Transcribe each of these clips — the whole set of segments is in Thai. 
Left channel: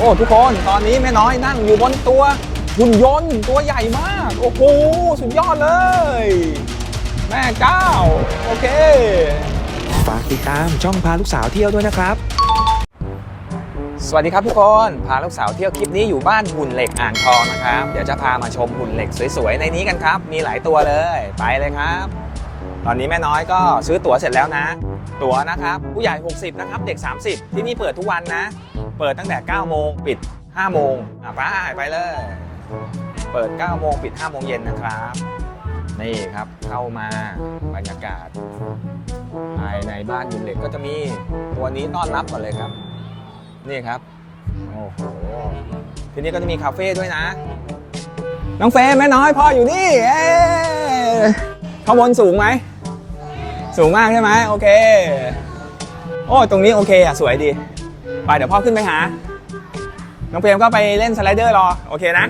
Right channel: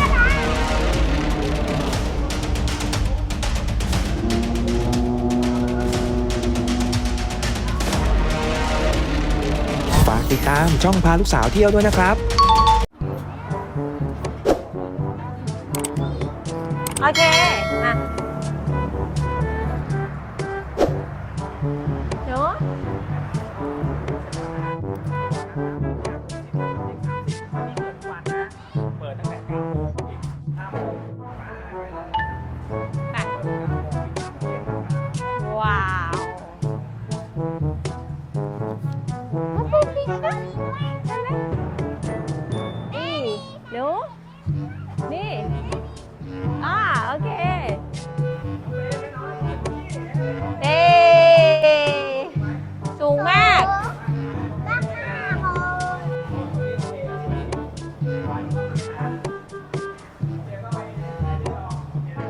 โอ้ทุกคนตอนนี้แม่น้อยนั่งอยู่บนตัวหุ่นยนต์ตัวใหญ่มาก โอ้โหสุดยอดเลย แม่เจ้า โอเค ฝากติดตามช่องพาลูกสาวเที่ยวด้วยนะครับ สวัสดีครับทุกคน พาลูกสาวเที่ยวคลิปนี้อยู่บ้านหุ่นเหล็กอ่างทองนะครับเดี๋ยวจะพามาชมหุ่นเหล็กสวยๆในนี้กันครับ มีหลายตัวเลยไปเลยครับเนาะตอนนี้แม่น้อยก็ซื้อตั๋วเสร็จแล้วนะ ตั๋วนะครับผู้ใหญ่ 60 นะครับ เด็ก 30 ที่นี่เปิดทุกวันนะ เปิดตั้งแต่ 9 โมงปิด 5 โมงอะไปไปเลย เปิด 9 โมงปิด 5 โมงเย็นนะครับว้าวนี่ครับเข้ามาบรรยากาศภายในบ้านหุ่นเหล็กก็จะมีตัวนี้ต้อนรับก่อนเลยครับ นี่นี่ครับโอ้นี่ทีนี้ก็จะมีคาเฟ่ด้วยนะโอเคน้องเฟรมแม่น้อยพ่ออยู่นี่เอ้เอ๊ยข้างบนสูงไหม สูงมากสูงมากใช่ไหมโอเค โอ้ตรงนี้โอเคอะ สวยดี ไปเดี๋ยวพ่อขึ้นไปหา น้องเฟรมก็ไปเล่นสไลเดอร์รอ โอเคนะ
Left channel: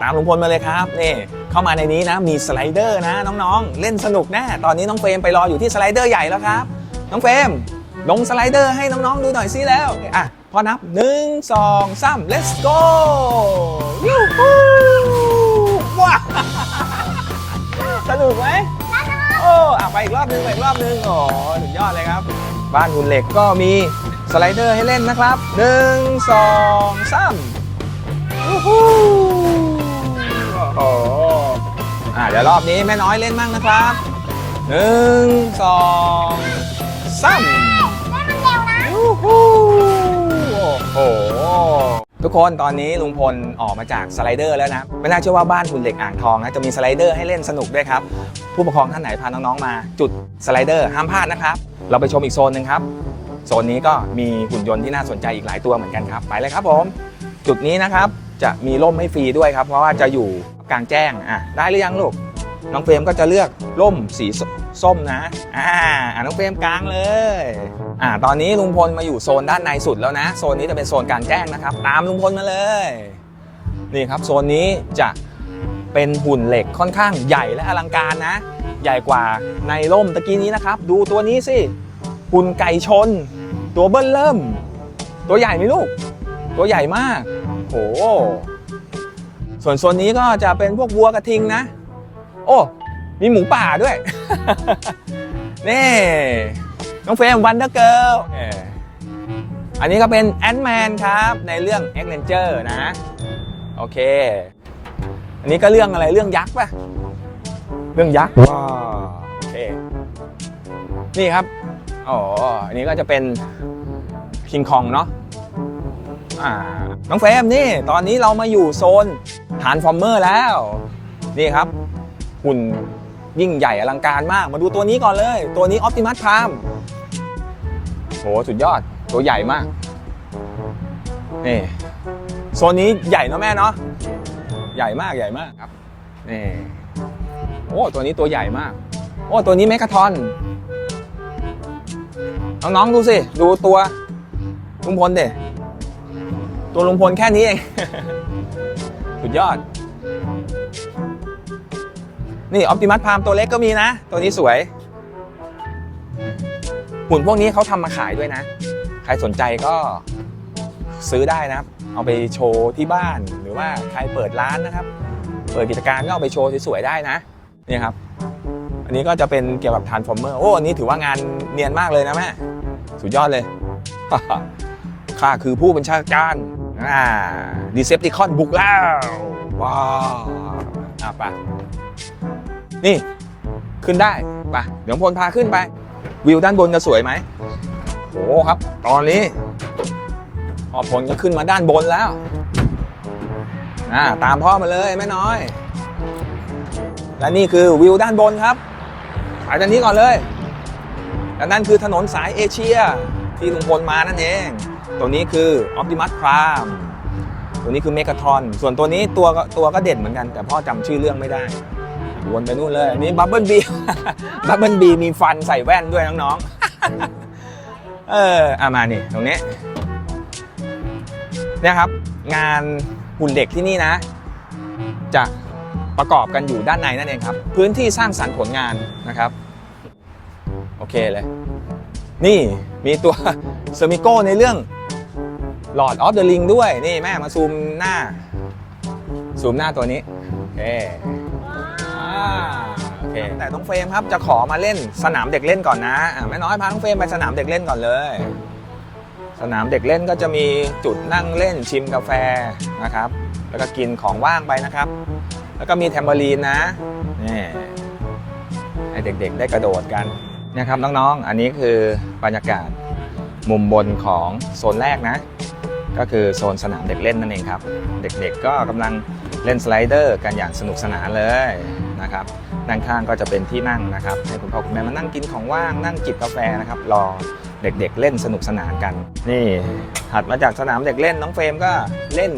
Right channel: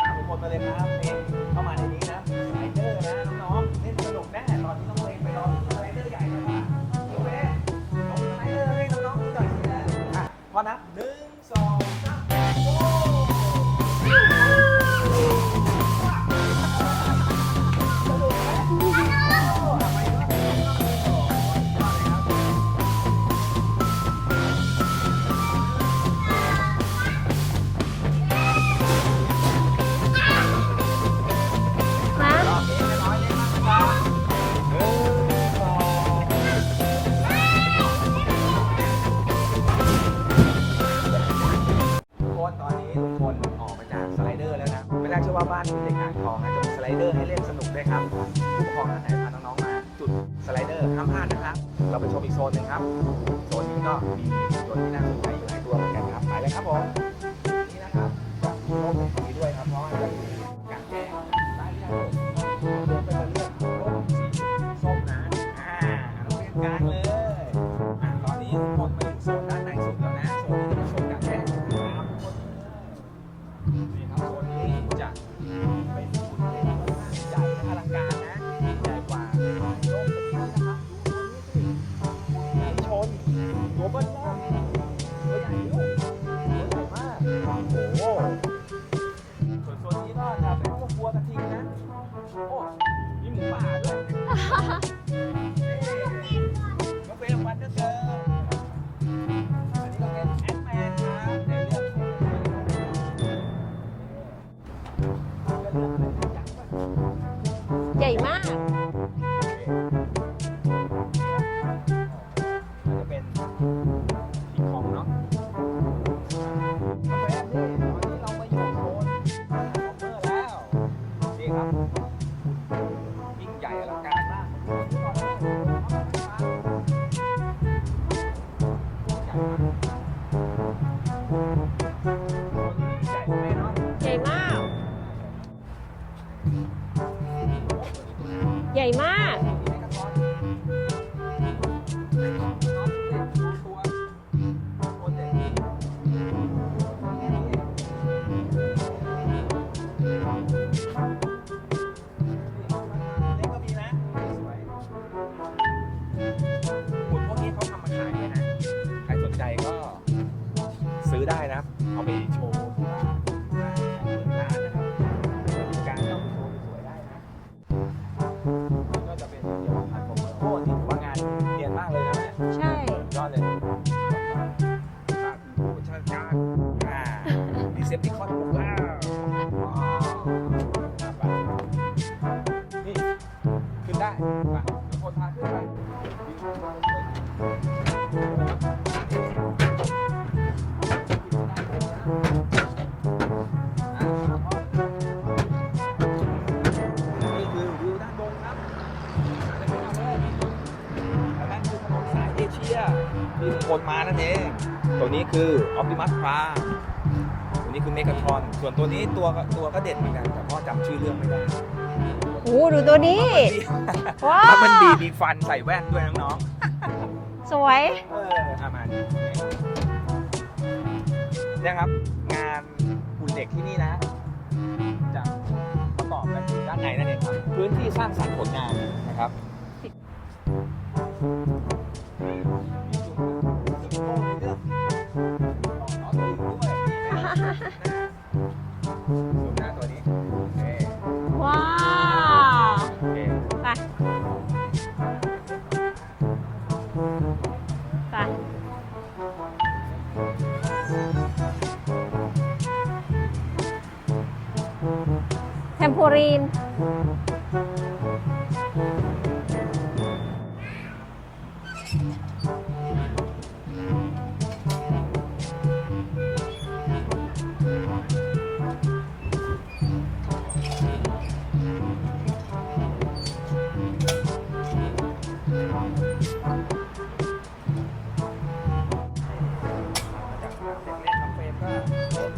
ตามลุงพลมาเลยครับ นี่ เข้ามาในนี้นะ มีสไลเดอร์นะ น้องๆ เล่นสนุกแน่ตอนนี้น้องเฟรมไปรออยู่ที่สไลเดอร์ใหญ่แล้วครับ น้องเฟรม ลงสไลเดอร์ให้น้องๆดูหน่อยซิแล้ว อะ พอนับ 1 2 3 let's go วิวว้าสนุกไหมโอ้อะไปอีกรอบนึงอีกรอบนึงโอ้สุดยอดเลยครับ บ้านหุ่นเหล็กก็มีสไลเดอร์ให้เล่นนะครับ 1 2 3วู้ฮู้โอ้อะเดี๋ยวรอบนี้แม่น้อยเล่นบ้างนะครับ 1 2 ห ทุกคนตอนนี้ลุงพลออกมาจากสไลเดอร์แล้วนะ ไม่น่าเชื่อว่าบ้านหุ่นเหล็กอ่างทองนะจะมีสไลเดอร์ให้เล่นสนุกด้วยครับ ผู้ปกครองท่านไหนพาน้องๆมา จุดสไลเดอร์ห้ามพลาดนะครับ เราไปชมอีกโซนหนึ่งครับ โซนนี้ก็มีหุ่นยนต์ที่น่าสนใจอีกหลายตัวเหมือนกันครับ ไปเลยครับผม จุดนี้นะครับจะมีร่มให้ฟรีด้วยครับ เพราะว่าจะอยู่กลางแจ้งอะได้หรือยังลูก น้องเฟรมก็จะเลือกร่มสีส้มนะอ่าอะน้องเฟรมกลางเลยอ่าตอนนี้ลุงพลมาอยู่โซนด้านในสุดแล้วนะ โซนนี้จะเป็นโซนกางแจ้งนะครับ ตามลุงพลมาเลยนี่ครับโซนนี้จะเป็นหุ่นเหล็กค่อนข้างใหญ่และอลังการนะ ใหญ่กว่าในร่มตะกี้นี้นะครับ ดูตัวนี้สิหุ่นไก่ชน ตัวเบิ้ลเริ่ม ตัวใหญ่ไหมลูก ตัวใหญ่มากโอ้โหส่วนโซนนี้ก็จะเป็นพวกวัวกระทิงนะ โอ้ มีหมูป่าด้วย นี่ น้องเฟรมวันเดอร์เกิลอันนี้ก็เป็นแอน m ์แมนครับในเรื่อง e x r a n g e r นะ โอเค อันนี้ก็เรื่องอะไรเรื่องยักษ์ป่ะ เรื่องยักษ์อ๋อโอเค นี่ครับอ๋ออันนี้ก็จะเป็นคิงคองเนาะอ่าน้องเฟรมนี่ ตอนนี้เรามาอยู่โซนฐานฟอร์เมอร์แล้ว นี่ครับ หุ่นยิ่งใหญ่อลังการมาก มาดูตัวนี้ก่อนเลย ตัวนี้ออ t ติมัสพามโหสุดยอด ตัวใหญ่มาก นี่โซนนี้ใหญ่เนอะแม่เนาะ ใหญ่มาก ใหญ่มากใหญ่มากครับ นี่ โอ้ตัวนี้ตัวใหญ่มาก ใหญ่มาก โอ้ตัวนี้เมกาทอน น้องๆดูสิ ดูตัวลุงพลเด็ตัวลุงพลแค่นี้เอง สุดยอด นี่ออ t ติมัสพามตัวเล็กก็มีนะ ตัวนี้สวย หุ่นพวกนี้เขาทำมาขายด้วยนะ ใครสนใจก็ซื้อได้นะครับ เอาไปโชว์ที่บ้านหรือว่าใครเปิดร้านนะครับ เปิดกิจการก็เอาไปโชว์สวยๆได้นะนี่ครับ อันนี้ก็จะเป็นเกี่ยวกับทานฟอร์เมอร์โอ้อันนี้ถือว่างานเนียนมากเลยนะแม่ใช่สุดยอดเลย ข้าคือผู้บัญชาการอ่าดีเซปติคอนบุกแล้วว้าวอะไป นี่ ขึ้นได้ไปเดี๋ยวพลพาขึ้นไป วิวด้านบนจะสวยไหมโอ้ครับ ตอนนี้พอพลก็ขึ้นมาด้านบนแล้วอ่าตามพ่อมาเลยแม่น้อย และนี่คือวิวด้านบนครับไปด้านนี้ก่อนเลยและนั่นคือถนนสายเอเชียที่ลุงพลมานั่นเอง ตัวนี้คือ Optimus Prime ตัวนี้คือ Megatron ส่วนตัวนี้ตัวตัวก็เด่นเหมือนกัน แต่พ่อจำชื่อเรื่องไม่ได้ วนไปนู่นเลยตัวนี้มีบับเบิลบีว้าบับเบิลบีมีฟันใส่แว่นด้วยน้องสวย ๆ เออเอามานี่ตรงนี้เนี่ยครับ งานหุ่นเด็กที่นี่นะ จะประกอบกันอยู่ด้านในนั่นเองครับ พื้นที่สร้างสรรค์ผลงานนะครับ โอเคเลย นี่มีตัว เซอร์มิโก้ในเรื่อง Lord of the Ring ด้วย นี่แม่มาซูมหน้า ซูมหน้าตัวนี้โอเคว้าวโอเค แต่น้องเฟรมครับจะขอมาเล่นสนามเด็กเล่นก่อนนะอะแม่น้อยพาน้องเฟรมไปสนามเด็กเล่นก่อนเลย ค่ะ สนามเด็กเล่นก็จะมีจุดนั่งเล่นชิมกาแฟนะครับ แล้วก็กินของว่างไปนะครับ แล้วก็มีแทมเบอรีนนะนี่ให้เด็กๆได้กระโดดกันนะครับน้องๆ อันนี้คือบรรยากาศมุมบนของโซนแรกนะ ก็คือโซนสนามเด็กเล่นนั่นเองครับ เด็กๆก็กำลัง เล่นสไลเดอร์กันอย่างสนุกสนานเลยนะครับด้านข้างก็จะเป็นที่นั่งนะครับให้คุณพ่อคุณแม่มานั่งกินของว่างนั่งจิบกาแฟนะครับรอเด็กๆ เล่นสนุกสนานกัน นี่ถัดมาจากสนามเด็กเล่นน้องเฟรมก็เล่น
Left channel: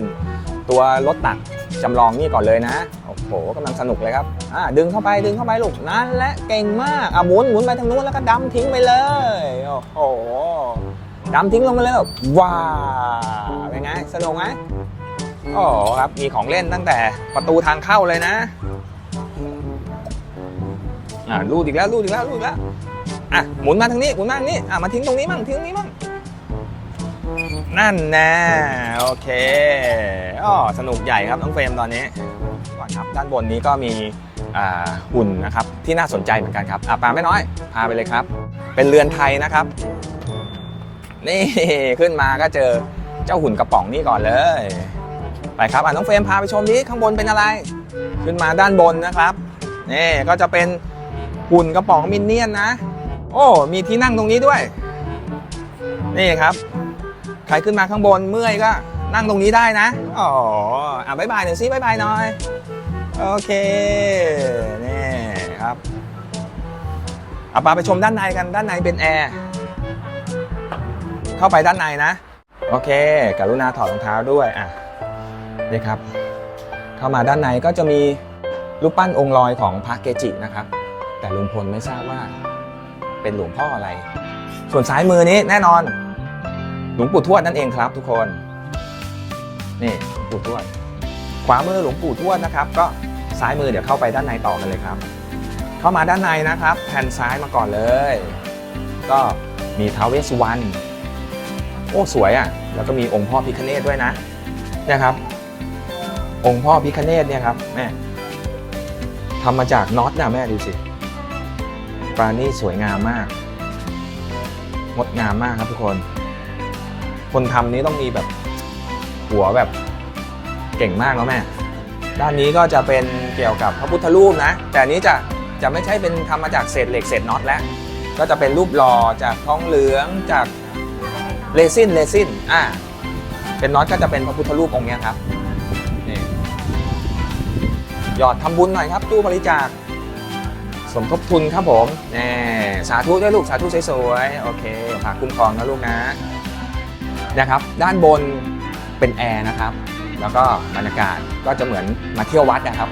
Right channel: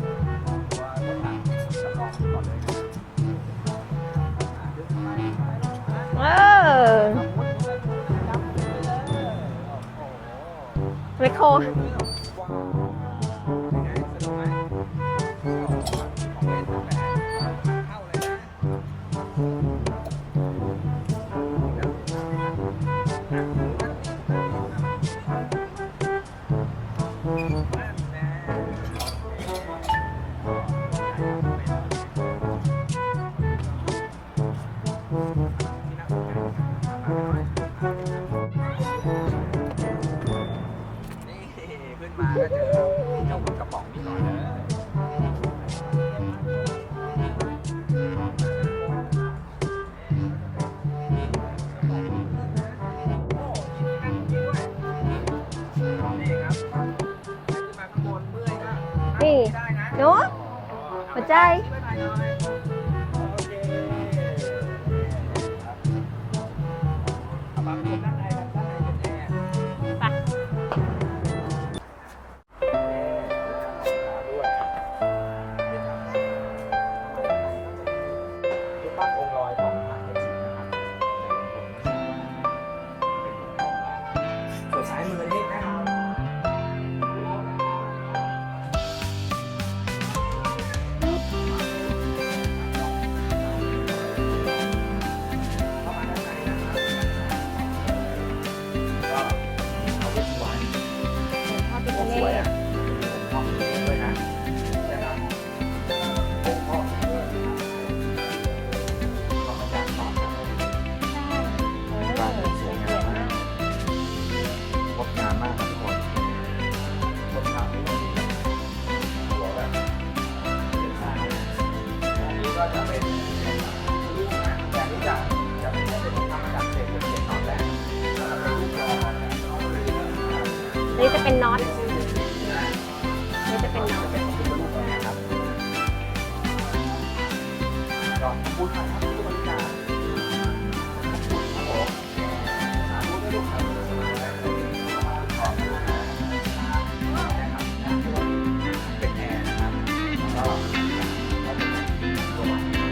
ตัวรถตักจำลองนี่ก่อนเลยนะโอ้โหกำลังสนุกเลยครับอ่าดึงเข้าไปดึงเข้าไปลูกนั่นแหละเก่งมากอะหมุนหมุนไปทางนู้นแล้วก็ดำทิ้งไปเลยโอ้โหดำทิ้งลงไปเลยแบบว้าวเป็นไงสนุกไหม โอ้ครับ มีของเล่นตั้งแต่ประตูทางเข้าเลยนะอ่าลูดอีกแล้วลูดอีกแล้วลูดอีกแล้วอะหมุนมาทางนี้หมุนมาทางนี้อะมาทิ้งตรงนี้มั่งทิ้งตรงนี้มั่งนั่นนะโอเคอ๋อสนุกใหญ่ครับน้องเฟรมตอนนี้ก่อนครับด้านบนนี้ก็มีอ่าหุ่นนะครับที่น่าสนใจเหมือนกันครับอะปาไม่น้อยพาไปเลยครับ เป็นเรือนไทยนะครับ นี่ขึ้นมาก็เจอเจ้าหุ่นกระป๋องนี่ก่อนเลย ไปครับอะน้องเฟรมพาไปชมนี้ข้างบนเป็นอะไร ขึ้นมาด้านบนนะครับนี่ก็จะเป็นหุ่นกระป๋องมินเนี่ยนนะ โอ้มีที่นั่งตรงนี้ด้วย นี่ครับใครขึ้นมาข้างบนเมื่อยก็นั่งตรงนี้ได้นะอ๋ออะบายบายหน่อยสิบายบายหน่อยโอเคนี่ครับเอาปาไปชมด้านในกันด้านในเป็นแอร์เข้าไปด้านในนะ โอเคกรุณาถอดรองเท้าด้วยอะ นี่ครับ เข้ามาด้านในก็จะมีรูปปั้นองค์ลอยของพระเกจินะครับ แต่ลุงพลไม่ทราบว่าเป็นหลวงพ่ออะไร ส่วนซ้ายมือนี้แน่นอนหลวงปู่ทวดนั่นเองครับทุกคนนี่หลวงปู่ทวดขวามือหลวงปู่ทวดนะครับ ก็ซ้ายมือเดี๋ยวเข้าไปด้านในต่อกันเลยครับ เข้ามาด้านในนะครับแผ่นซ้ายมาก่อนเลย ก็มีท้าวเวสสุวรรณโอ้สวยอะแล้วก็มีองค์พ่อพิคเนตด้วยนะเนี่ยครับ องค์พ่อพิคเนตเนี่ยครับแม่ทำมาจากน็อตนะแม่ดูสิปลานี่สวยงามมากงดงามมากครับทุกคน คนทำนี้ต้องมีแบบหัวแบบเก่งมากแล้วแม่ ด้านนี้ก็จะเป็นเกี่ยวกับพระพุทธรูปนะ แต่อันนี้จะจะไม่ใช่เป็นทำมาจากเศษเหล็กเศษน็อตแล้ว ก็จะเป็นรูปหล่อจากทองเหลืองจากนี่จะเป็นน้อยเรซินเรซินอ่าเป็นน็อตก็จะเป็นพระพุทธรูปองค์เนี้ยครับนี่ห ยอดทำบุญหน่อยครับตู้บริจาคสมทบทุนครับผมแน่สาธุด้วยลูกสาธุสวยๆโอเคฝากขึ้นครองนะลูกนะนะครับ ด้านบนเป็นแอร์นะครับ แล้วก็บรรยากาศก็จะเหมือนมาเที่ยววัดนะครับ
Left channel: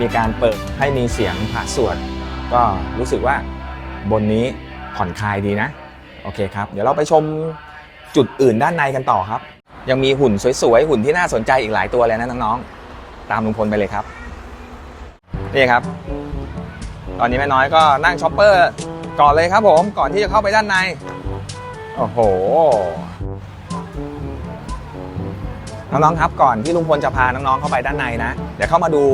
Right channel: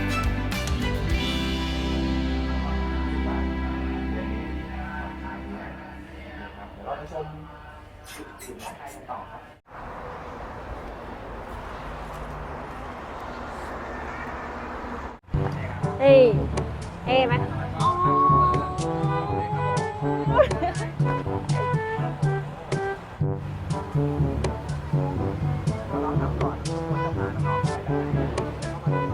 มีการเปิดให้มีเสียงพระสวดก็รู้สึกว่าบนนี้ผ่อนคลายดีนะ โอเคครับ เดี๋ยวเราไปชมจุดอื่นด้านในกันต่อครับ ยังมีหุ่นสวยๆ หุ่นที่น่าสนใจอีกหลายตัวเลยนะน้องๆ ตามลุงพลไปเลยครับ นี่ครับ เฮ้ยเฮ้ยตอนนี้แม่น้อยก็นั่งช็อปเปอร์ก่อนเลยครับผม ก่อนที่จะเข้าไปด้านใน โอ้โห น้องๆครับก่อนที่ลุงพลจะพาน้องๆเข้าไปด้านในนะ เดี๋ยวเข้ามาดู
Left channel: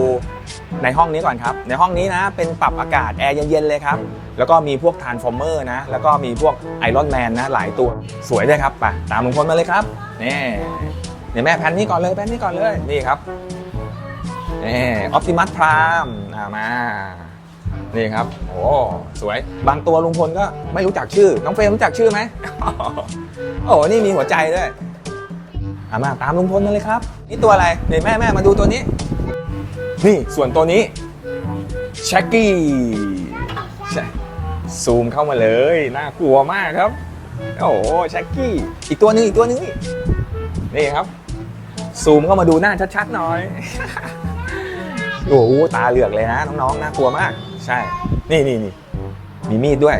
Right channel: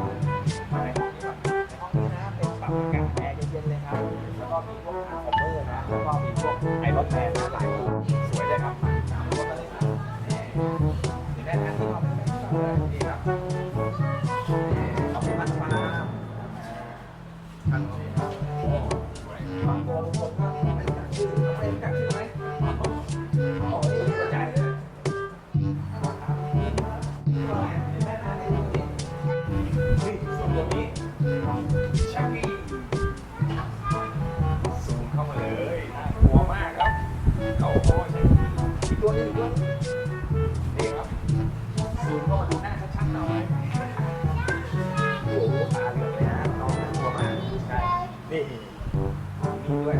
ในห้องนี้ก่อนครับ ในห้องนี้นะ เป็นปรับอากาศแอร์เย็นๆเลยครับ แล้วก็มีพวกทานฟอร์เมอร์นะ แล้วก็มีพวกไอรอนแมนนะ หลายตัว สวยเลยครับไปตามลุงพลมาเลยครับ นี่เดี๋ยวแม่แพนนี่ก่อนเลยแพนนี่ก่อนเลย นี่ครับนี่ออ t ติมัสพราม มานี่ครับ โอ้สวย บางตัวลุงพลก็ไม่รู้จักชื่อ น้องเฟรมรู้จักชื่อไหมโอ้นี่มีหัวใจด้วยอามาตามลุงพลมาเลยครับ นี่ตัวอะไรเดี๋ยวแม่แม่มาดูตัวนี้ นี่ส่วนตัวนี้แช็กกี้ซูมเข้ามาเลยน่ากลัวมากครับ โอ้โหแช็กกี้อีกตัวหนึงอีกตัวหนึงนี่นี่ครับ ซูมเข้ามาดูหน้าชัดๆหน่อย โอ้โหตาเหลือกเลยนะน้องๆน่ากลัวมาก ใช่ นี่นี่นี่มีมีดด้วย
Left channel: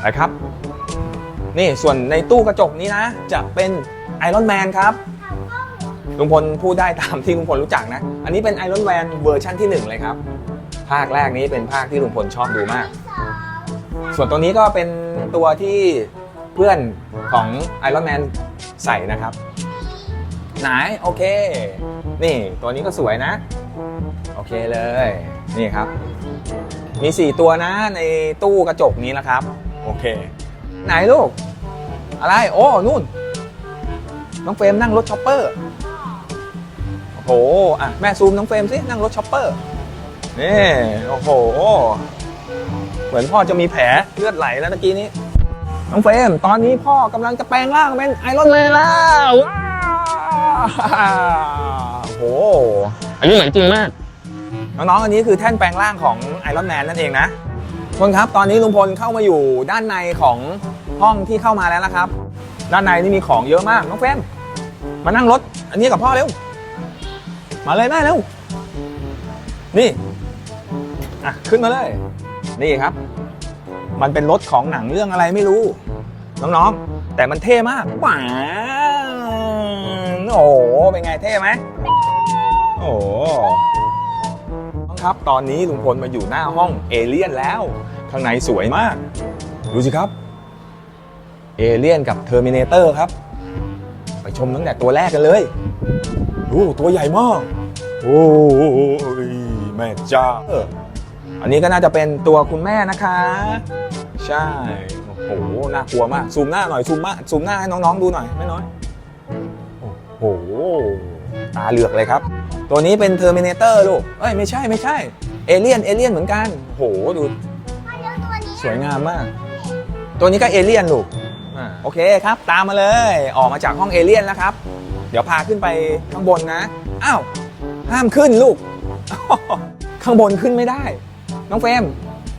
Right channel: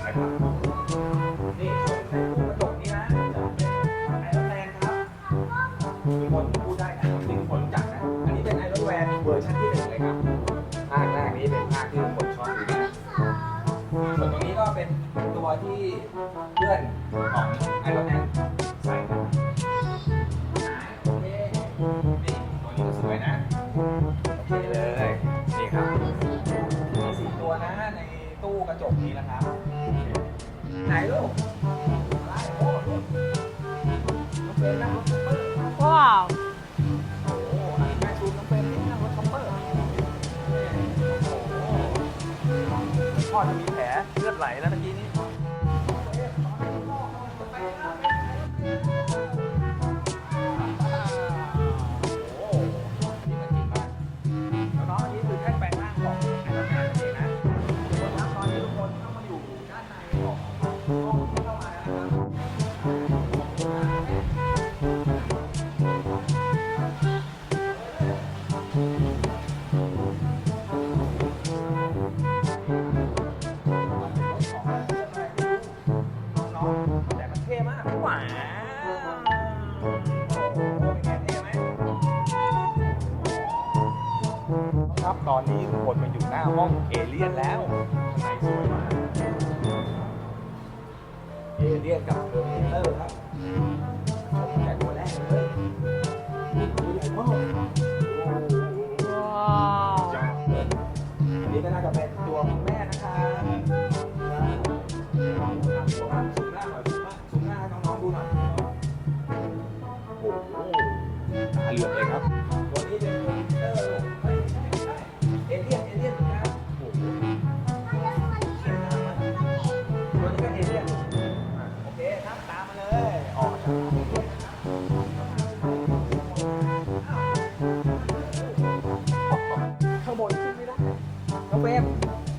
ไปครับ นี่ส่วนในตู้กระจกนี้นะ จะเป็นไอรอนแมนครับลุงพลพูดได้ตามที่ลุงพลรู้จักนะ อันนี้เป็นไอรอนแมนเวอร์ชั่นที่ 1 เลยครับ ภาคแรกนี้เป็นภาคที่ลุงพลชอบดูมาก ส่วนตัวนี้ก็เป็นตัวที่เพื่อนของไอรอนแมนใส่นะครับ ไหนโอเค นี่ตัวนี้ก็สวยนะ โอเคเลย นี่ครับ มี 4 ตัวนะในตู้กระจกนี้นะครับ โอเค ไหนลูก อะไร โอ้ นู่น น้องเฟรมนั่งรถช็อปเปอร์ ว้าว โอ้โหอะแม่ซูมน้องเฟรมสิ นั่งรถช็อปเปอร์ นี่ โอ้โห เหมือนพ่อจะมีแผลเลือดไหลแล้วตะกี้นี้ น้องเฟรม ตอนนี้พ่อกำลังจะแปลงร่างเป็นไอรอนแมนแล้วว้าวโอ้โห อันนี้เหมือนจริงมาก น้องๆ อันนี้คือแท่นแปลงร่างของไอรอนแมนนั่นเองนะทุกคนครับ ตอนนี้ลุงพลเข้ามาอยู่ด้านในของห้องที่เข้ามาแล้วนะครับ ด้านในนี่มีของเยอะมาก น้องเฟรมมานั่งรถ อันนี้กับพ่อเร็ว มาเลยแม่เร็ว นี่อะขึ้นมาเลย นี่ครับ มันเป็นรถของหนังเรื่องอะไรไม่รู้ น้องๆ แต่มันเท่มากว้าวโอ้โห เป็นไงเท่ไหมโอ้โหน้องครับตอนนี้ลุงพลมาอยู่หน้าห้องเอเลี่ยนแล้ว ข้างในสวยมาก ดูสิครับ เอเลี่ยนกับเทอร์มินเตอร์ครับ ไปชมตั้งแต่ตัวแรกกันเลยดูตัวใหญ่มาก โอ้ยแม่เจ้าอออันนี้ก็น่าจะเป็นตัวคุณแม่นะคะ ใช่โอ้โหน่ากลัวมากซูมหน้าหน่อยซูมมาซูมหน้าให้น้องๆดูหน่อยแม่น้อยโอ้โหตาเหลือกเลยครับ ตัวนี้เป็นเทอร์มินเตอร์ลูก เอ้ยไม่ใช่ไม่ใช่ เอเลี่ยนเอเลี่ยนเหมือนกันโหดูสวยงามมาก ตัวนี้ก็เอเลี่ยนลูกโอเคครับ ตามมาเลย ออกมาจากห้องเอเลี่ยนแล้วครับ เดี๋ยวพาขึ้นไปข้างบนนะ อ้าว ห้ามขึ้นลูก ข้างบนขึ้นไม่ได้ น้องเฟรม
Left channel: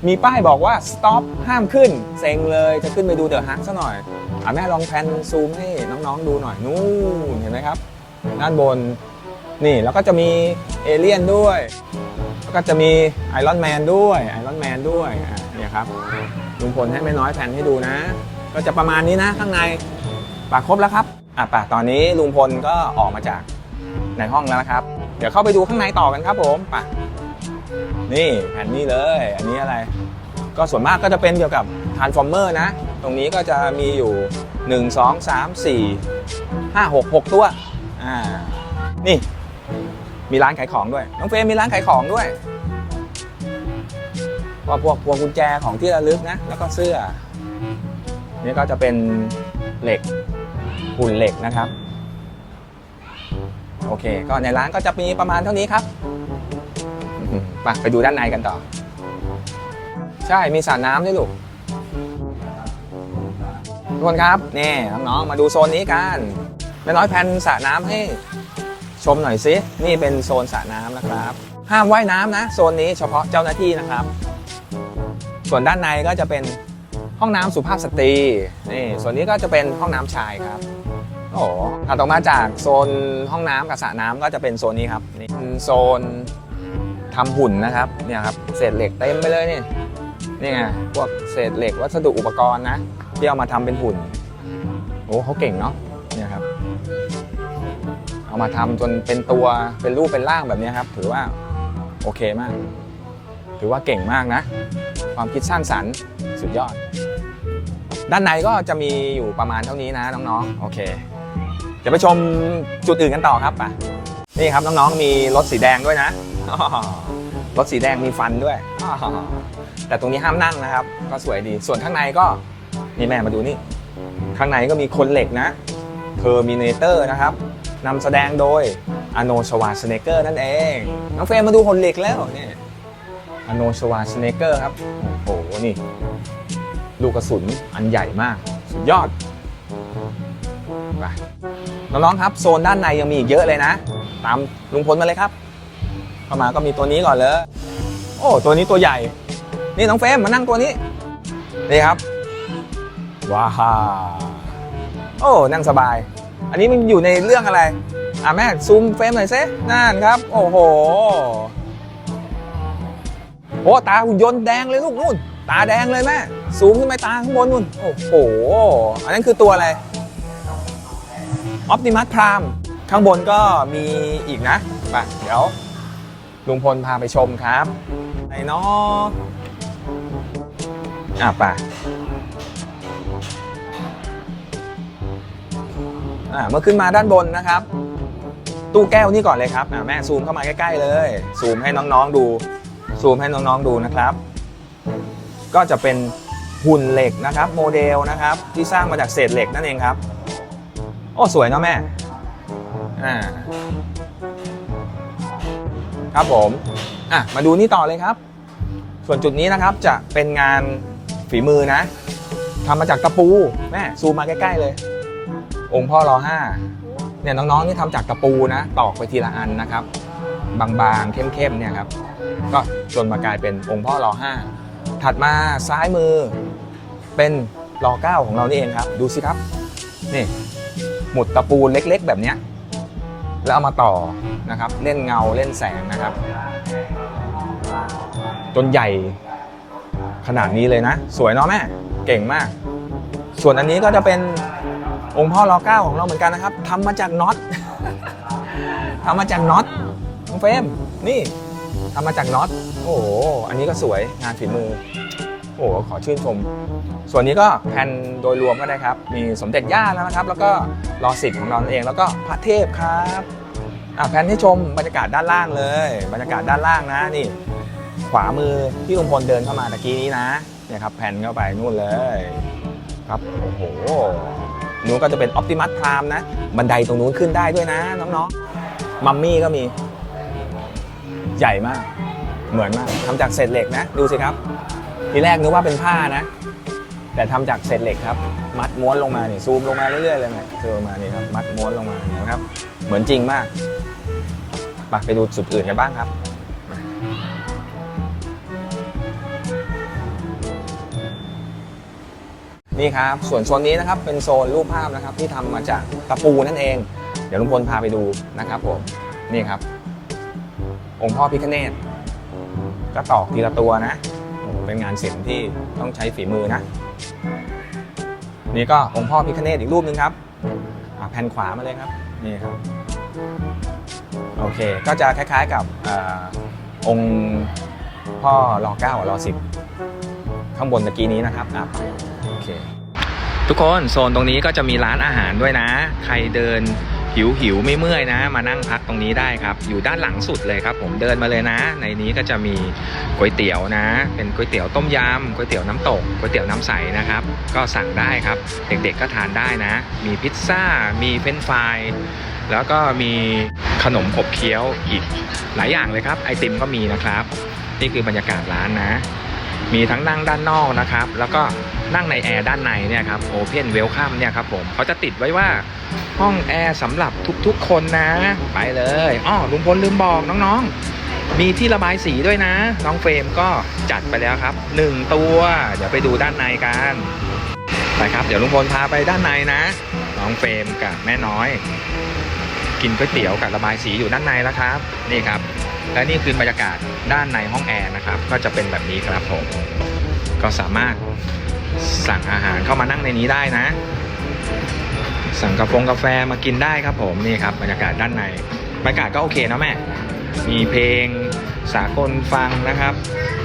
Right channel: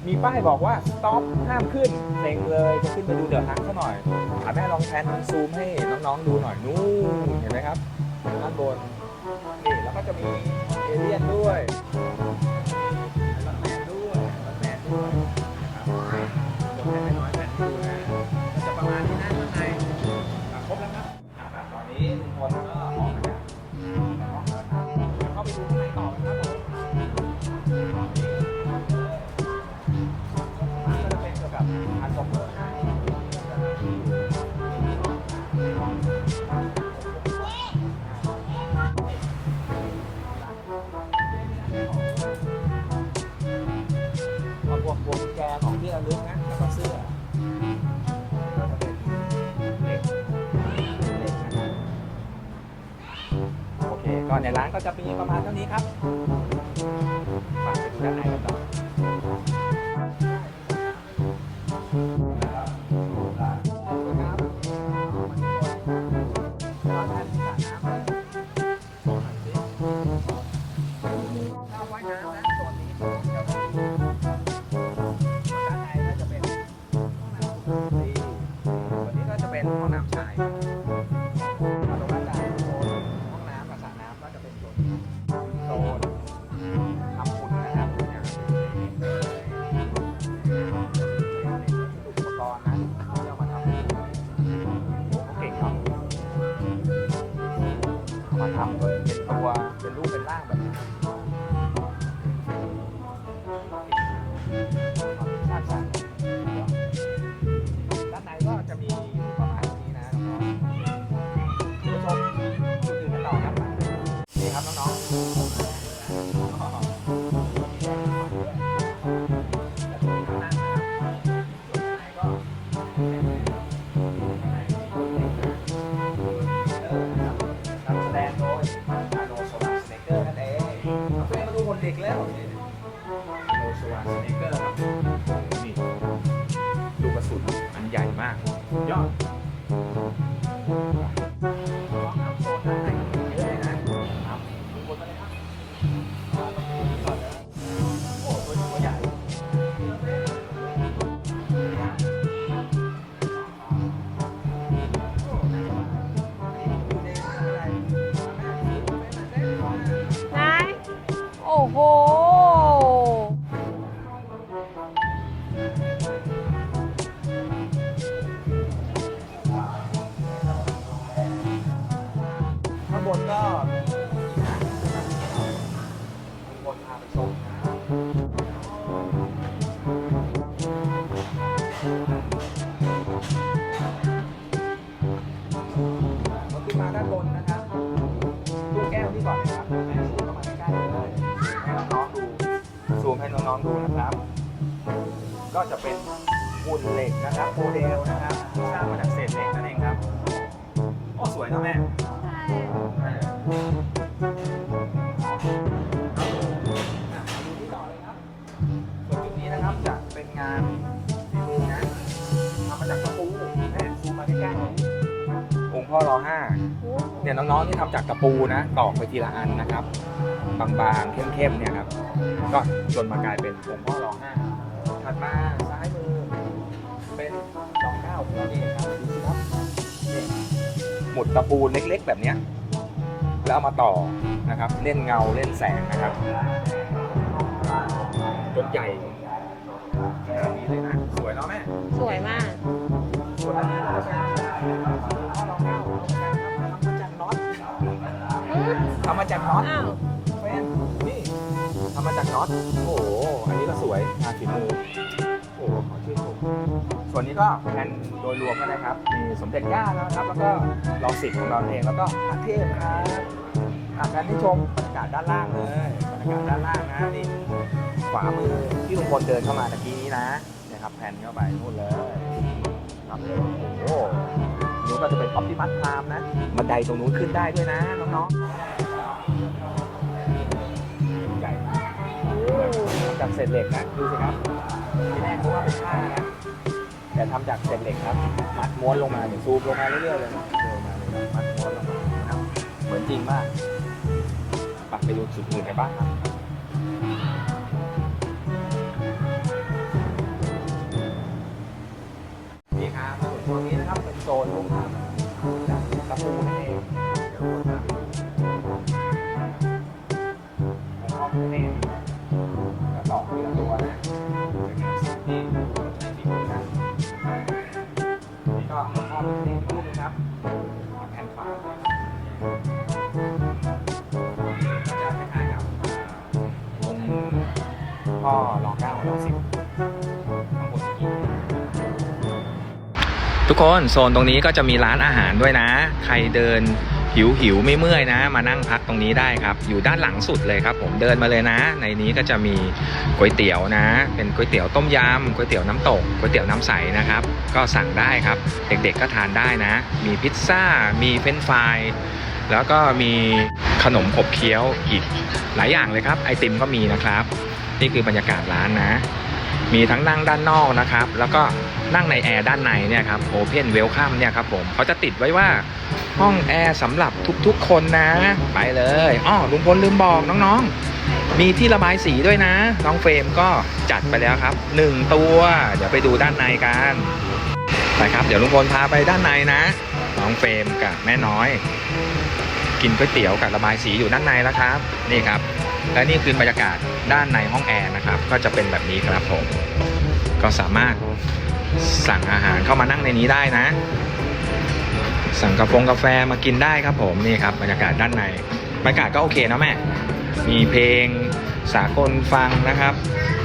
มีป้ายบอกว่า stop ห้ามขึ้น เซ็งเลยจะขึ้นไปดูเดอะฮักซะหน่อยอะแม่ลองแพนซูมให้น้องๆดูหน่อย นู่นเห็นไหมครับ ด้านบน นี่แล้วก็จะมีเอเลี่ยนด้วย ก็จะมีไอรอนแมนด้วยไอรอนแมนด้วยเนี่ยครับลุงพลให้ไม่น้อยแผ่นให้ดูนะ ก็จะประมาณนี้นะข้างในปากครบแล้วครับอะปากตอนนี้ลุงพลก็ออกมาจากในห้องแล้วนะครับ เดี๋ยวเข้าไปดูข้างในต่อกันครับผมไปนี่แผ่นนี้เลย อันนี้อะไร ก็ส่วนมากก็จะเป็นเกี่ยวกับ Transformer นะ ตรงนี้ก็จะมีอยู่ 1 2 3 4 5 6 6 ตัว อ่า นี่ มีร้านขายของด้วย น้องเฟรมมีร้านขายของด้วยว่าพวกพวงกุญแจของที่ระลึกนะ แล้วก็เสื้อ นี่ก็จะเป็นเหล็กหุ่นเหล็กนะครับ โอเค ก็ในร้านก็จะมีประมาณเท่านี้ครับมไปไปดูด้านในกันต่อ ใช่ มีสระน้ำด้วยลูกทุกคนครับ นี่น้องๆมาดูโซนนี้กันแม่น้อยแพนสระน้ำให้ ชมหน่อยสินี่เป็นโซนสระน้ำนะครับ ห้ามว่ายน้ำนะ โซนนี้เฉพาะเจ้าหน้าที่นะครับ ส่วนด้านในก็จะเป็นห้องน้ำสุภาพสตรีนี่ส่วนนี้ก็จะเป็นห้องน้ำชายครับโอ้โหถัดออกมาจากโซนห้องน้ำกับสระน้ำก็จะเป็นโซนนี้ครับนี่เป็นโซนทำหุ่นนะครับเนี่ยครับเศษเหล็กเต็มไปเลยนี่นี่ไงพวกเศษเหล็กวัสดุอุปกรณ์นะที่เอามาทำเป็นหุ่นโอ้เขาเก่งเนาะเนี่ยครับ เอามาทำจนเป็นตัวเป็นรูปเป็นร่างแบบนี้ครับ ถือว่าโอเคมาก ถือว่าเก่งมากนะ ความคิดสร้างสรรค์สุดยอด ด้านในก็จะมีอยู่ประมาณเท่านี้นะน้องๆโอเค เดี๋ยวไปชมจุดอื่นกันต่อครับไปนี่ครับน้องๆมีรถสีแดงด้วยนะรถสีแดงมีฟันด้วย แต่ตรงนี้ห้ามนั่งนะครับ ก็สวยดี ส่วนข้างในก็นี่แม่มาดูนี่ ข้างในก็มีคนเหล็กนะเทอร์มินเตอร์นะครับ นำแสดงโดยอโนชวาสเนเกอร์นั่นเอง น้องเฟรมมาดูคนเหล็กแล้วนี่อโนชวาสเนเกอร์ครับ โอ้โห นี่ ลูกกระสุนอันใหญ่มาก สุดยอดไปน้องๆครับ โซนด้านในยังมีอีกเยอะเลยนะ ตามลุงพลมาเลยครับ เข้ามาก็มีตัวนี้ก่อนเลย โอ้ตัวนี้ตัวใหญ่ นี่น้องเฟรมมานั่งตัวนี้ นี่ครับว้าวโอ้นั่งสบาย อันนี้มันอยู่ในเรื่องอะไร อะแม่ซูมเฟรมหน่อยซินั่นครับ โอ้โห โอ้โหโอ้ตาหุ่นยนต์แดงเลยลูกนู่น ตาแดงเลยแม่ซูมขึ้นไปตาข้างบนนู่น โอ้โห อันนั้นคือตัวอะไรออ t ติมัสพรามข้างบนก็มีอีกนะไปเดี๋ยวลุงพลพาไปชมครับไหนเนาะอะไป อ่าเมื่อขึ้นมาด้านบนนะครับ ตู้แก้วนี่ก่อนเลยครับอ่าแม่ซูมเข้ามาใกล้ๆเลย ซูมให้น้องๆดู ซูมให้น้องๆดูนะครับ ก็จะเป็นหุ่นเหล็กนะครับ โมเดลนะครับ ที่สร้างมาจากเศษเหล็กนั่นเองครับโอ้สวยเนาะแม่อ่าครับผมอะมาดูนี่ต่อเลยครับ ส่วนจุดนี้นะครับจะเป็นงานฝีมือนะทำมาจากตะปูแม่ซูมมาใกล้ ๆ เลย องค์พ่อรอห้าเนี่ยน้องๆนี่ทำจากตะปูนะ ตอกไปทีละอันนะครับ บางๆเข้มๆเนี่ยครับ ก็จนมากลายเป็นองค์พ่อรอห้าถัดมาซ้ายมือเป็นรอเก้าของเรานี่เองครับ ดูสิครับนี่หมุดตะปูเล็กๆ แบบเนี้ยแล้วเอามาต่อนะครับ เล่นเงาเล่นแสงนะครับ จนใหญ่ขนาดนี้เลยนะ สวยเนาะแม่ เก่งมาก ส่วนอันนี้ก็จะเป็น องค์พ่อรอเก้าของเราเหมือนกันนะครับทำมาจากน็อตทำมาจากน็อตองเฟรมนี่ทำมาจากน็อตโอ้โหอันนี้ก็สวยงานฝีมือโอ้ขอชื่นชม ส่วนนี้ก็แผ่นโดยรวมก็ได้ครับ มีสมเด็จย่านะครับ แล้วก็รอสิทธิ์ของเราเอง แล้วก็พระเทพครับอะแผ่นที่ชมบรรยากาศด้านล่างเลย บรรยากาศด้านล่างนะนี่ ขวามือที่ลุงพลเดินเข้ามาตะกี้นี้นะเนี่ยครับแผ่นเข้าไปนู่นเลย ครับโอ้โห นู้นก็จะเป็นออ t ติมัส i ามนะ บันไดตรงนู้นขึ้นได้ด้วยนะ น้องๆ มัมมี่ก็มี ใหญ่มาก เหมือนมากทำจากเศษเหล็กนะ ดูสิครับ ทีแรกนึกว่าเป็นผ้านะ แต่ทำจากเศษเหล็กครับ มัดม้วนลงมานี่ซูมลงมาเรื่อยๆเลยนะซูมมานี่ครับ มัดม้วนลงมานะครับ เหมือนจริงมากไปไปดูจุดอื่นกันบ้างครับ นี่ครับ ส่วนโซนนี้นะครับเป็นโซนรูปภาพนะครับที่ทำมาจากตะปูนั่นเอง เดี๋ยวลุงพลพาไปดูนะครับผมนี่ครับ องค์พ่อพิฆเนศก็ตอกทีละตัวนะ เป็นงานศิลป์ที่ต้องใช้ฝีมือนะ นี่ก็องค์พ่อพิฆเนศอีกรูปหนึงครับแผ่นขวามาเลยครับนี่ครับโอเคก็จะคล้ายๆกับอองค์พ่อรอเก้ารอสิบ ข้างบนตะกี้นี้นะครับอะโอเคทุกคนโซนตรงนี้ก็จะมีร้านอาหารด้วยนะ ใครเดินหิวหิวไม่เมื่อยนะ มานั่งพักตรงนี้ได้ครับ อยู่ด้านหลังสุดเลยครับ ผมเดินมาเลยนะ ในนี้ก็จะมีก๋วยเตี๋ยวนะ เป็นก๋วยเตี๋ยวต้มยำก๋วยเตี๋ยวน้ำตกก๋วยเตี๋ยวน้ำใสนะครับ ก็สั่งได้ครับ เด็กๆก็ทานได้นะ มีพิซซ่า มีเฟรนฟรายแล้วก็มีขนมขบเคี้ยวอีกหลายอย่างเลยครับ ไอติมก็มีนะครับ นี่คือบรรยากาศร้านนะ มีทั้งนั่งด้านนอกนะครับ แล้วก็นั่งในแอร์ด้านในเนี่ยครับโอเพนเวลคัมเนี่ยครับผมเขาจะติดไว้ว่าห้องแอร์สำหรับทุกๆคนนะ ไปเลยอ้อลุงพลลืมบอกน้องๆ มีที่ระบายสีด้วยนะ น้องเฟรมก็จัดไปแล้วครับ 1 ตัว เดี๋ยวไปดูด้านในกันไปครับ เดี๋ยวลุงพลพาไปด้านในนะ น้องเฟรมกับแม่น้อย กินก๋วยเตี๋ยวกับระบายสีอยู่ด้านในแล้วครับ นี่ครับ และนี่คือบรรยากาศด้านในห้องแอร์นะครับ ก็จะเป็นแบบนี้ครับผม ก็สามารถสั่งอาหารเข้ามานั่งในนี้ได้นะ สั่งกาแฟกาแฟมากินได้ครับผมนี่ครับบรรยากาศด้านในบรรยากาศก็โอเคนะแม่ มีเพลงสากลฟังนะครับ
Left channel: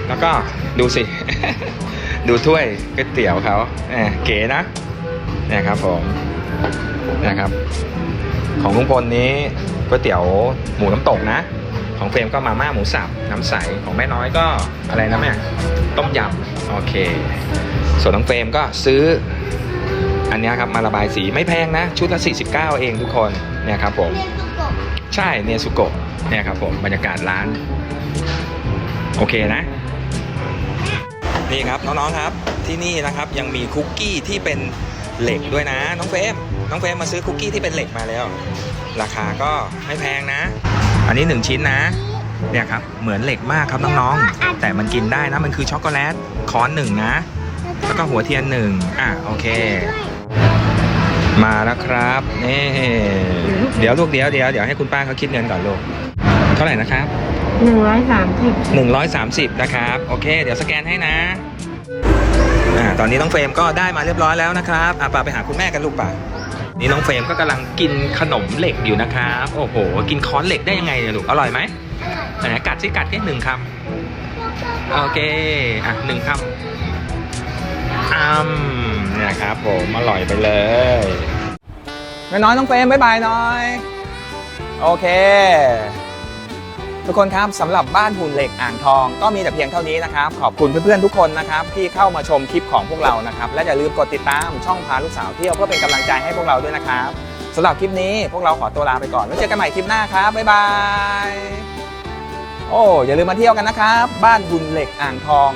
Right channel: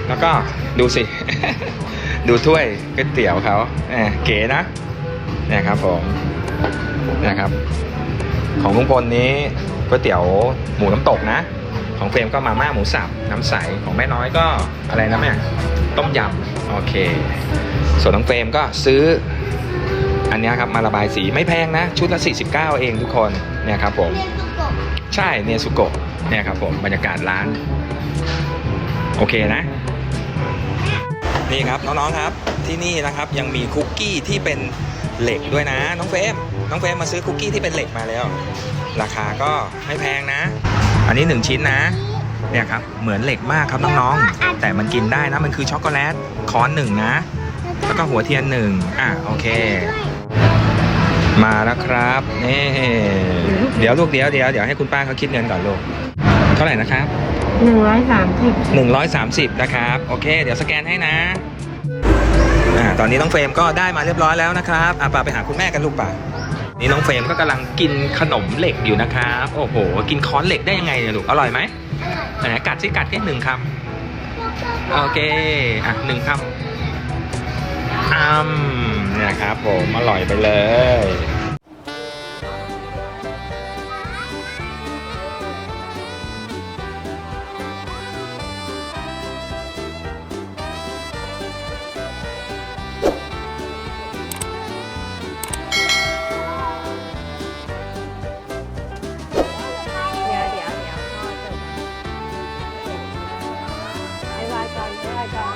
แล้วก็ดูสิ ดูถ้วยก๋วยเตี๋ยวเขาแหมเก๋นะเนี่ยครับผมนะครับ ของลุงพลนี้ก๋วยเตี๋ยวหมูน้ำตกนะ ของเฟรมก็มาม่าหมูสับน้ำใสของแม่น้อยก็อะไรนะแม่ต้มยำโอเค ส่วนน้องเฟรมก็ซื้ออันนี้ครับมาระบายสีไม่แพงนะ ชุดละ 49 เองทุกคนเนี่ยครับผมใช่เนสุโกะเนี่ยครับผมบรรยากาศร้าน โอเคนะ นี่ครับน้องๆครับที่นี่นะครับยังมีคุกกี้ที่เป็นเหล็กด้วยนะ น้องเฟรมน้องเฟรมมาซื้อคุกกี้ที่เป็นเหล็กมาแล้ว ราคาก็ไม่แพงนะ อันนี้ 1 ชิ้นนะ เนี่ยครับ เหมือนเหล็กมากครับน้องๆ แต่มันกินได้นะ มันคือช็อกโกแลตคอนหนึ่งนะ แล้วก็หัวเทียนหนึ่งอะโอเค มาแล้วครับนี่เดี๋ยวลูกเดี๋ยวเดี๋ยวเดี๋ยวให้คุณป้าเขาคิดเงินก่อนลูก เท่าไหร่นะครับหนึ่งร้อยสามสิบ130นะครับ โอเค เดี๋ยวสแกนให้นะอ่าตอนนี้น้องเฟรมก็ได้มาเรียบร้อยแล้วนะครับอะป่าไปหาคุณแม่กันลูกป่า นี่น้องเฟรมก็กำลังกินขนมเหล็กอยู่นะครับ โอ้โห กินค้อนเหล็กได้ยังไงเนี่ยลูก อร่อยไหมไหนกัดสิกัดแค่หนึ่งคำ โอเค อะหนึ่งคำอ้ำเนี่ยครับผมอร่อยไปเลยน้อยน้องเฟรมบ๊ายบายหน้อย โอเค ทุกคนครับสำหรับบ้านหุ่นเหล็กอ่างทองก็มีแต่เพียงเท่านี้นะครับ ขอบคุณเพื่อนๆทุกคนนะครับที่เข้ามาชมคลิปของพวกเรานะครับ และอย่าลืมกดติดตามช่องพาลูกสาวเที่ยวเพื่อเป็นกำลังใจให้พวกเราด้วยนะครับสำหรับคลิปนี้พวกเราขอตัวลาไปก่อนแล้วเจอกันใหม่คลิปหน้าครับบ๊ายบายโอ้อย่าลืมมาเที่ยวกันนะครับ บ้านหุ่นเหล็กอ่างทอง